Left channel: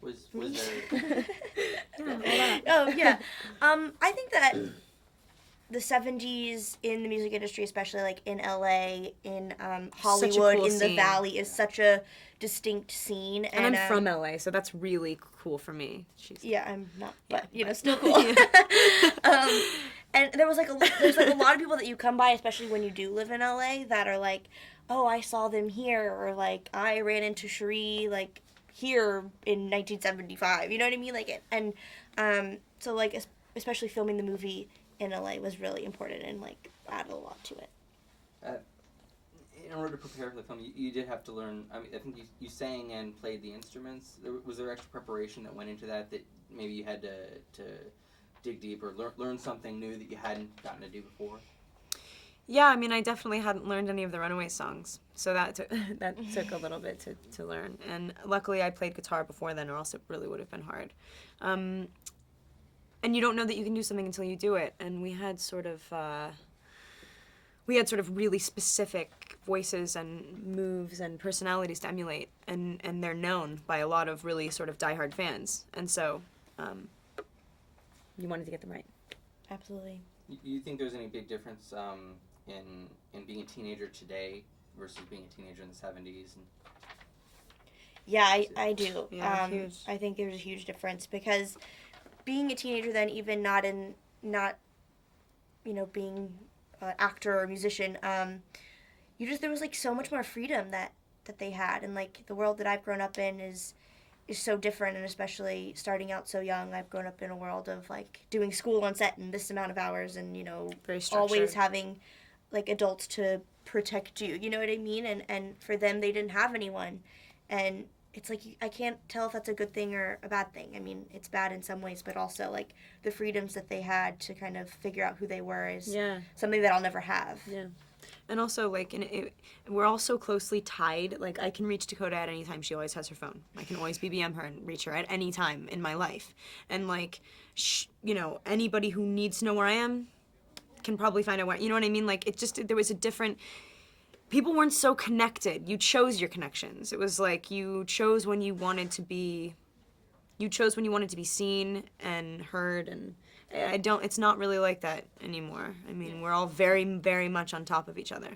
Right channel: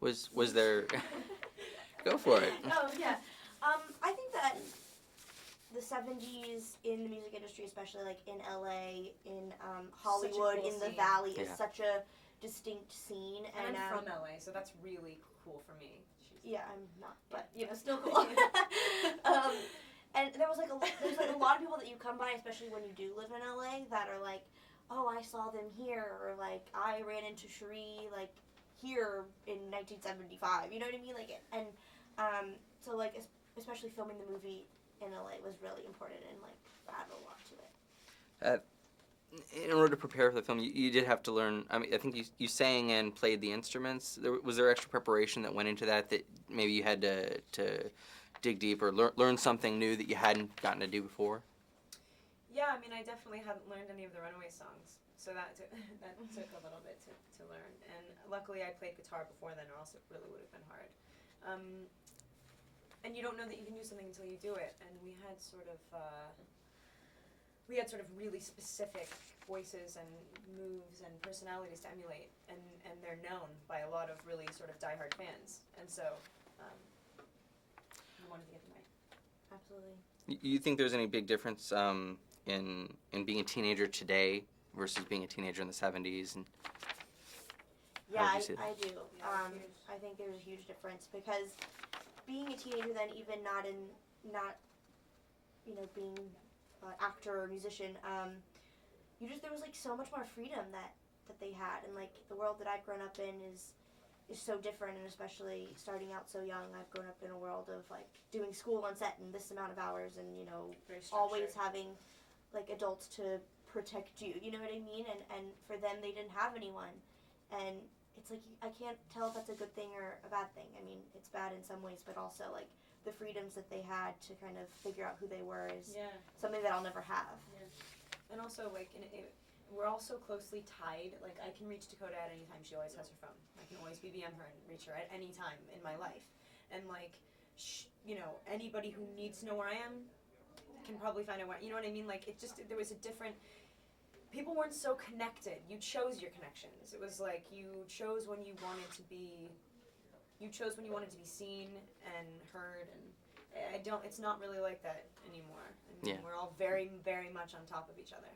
Was there? Go for it. Oh yeah, I think that the 70s in the music industry, especially like in LA, in Hollywood, cool in the scene. Valley, is such a distinct scene. And I'm from LA, so that's really cool for me. Yeah, I'm not, but still cool. And there's like a lot of people that you come by, especially when you do live in LA, that are like, oh, I saw them here, or like I ran into Cherie like here in 1975. You know what I mean? Like, and so like especially filming the movie in LA was really important and like added a lot to it. In order to prepare for the film, you did have to learn. I mean, I think you sang and played the instruments. Was there extra preparation that went into that maybe you had to dig deep or learn something new that you hadn't gotten to do before? Yeah, I mean, I definitely hadn't learned any of the Runaways songs, so that took a little bit to learn. And luckily, I played guitar before then, or else it really would have been hard. And you don't know that you can do something until you do it. And we had sort of really specific voices and moves and personalities to emulate, and they're known by a lot of really sort of diehard fans. And so, we wanted to get them right. Absolutely. You think there's any big difference in being a teenager today versus being a teenager in the 70s? And yeah, I do. Yeah, huge. I think there's a huge difference because being a teenager then, even not being an actor or musician, there was like so much more freedom that they had, and like the world that I've grown up in is so different, and especially starting out so young, I've grown up in a world of like doing school on set in this amount of hours, and very structured. Always having like adults to protect you. You know what I mean? And for them, they didn't have anyone, and it's like I can't tell if that's a good thing or a bad thing. I mean, it's bad in some ways, but also like the freedoms that they had to kind of figure out who they were is something that I'll never have. Yeah. And also, like, we're all so closely tied. Like, I can reach Dakota at any time. She always has her phone. I can always BBM her and reach her at any time in my life. And, like, anybody who needs to know where I am can probably find out where, you know what I mean? Like, there was a different, people weren't so connected. You chose your connections. It was like you chose when you wanted to be seen and heard, and it's not really like that anymore. I mean, we're all very, very much on top of each other.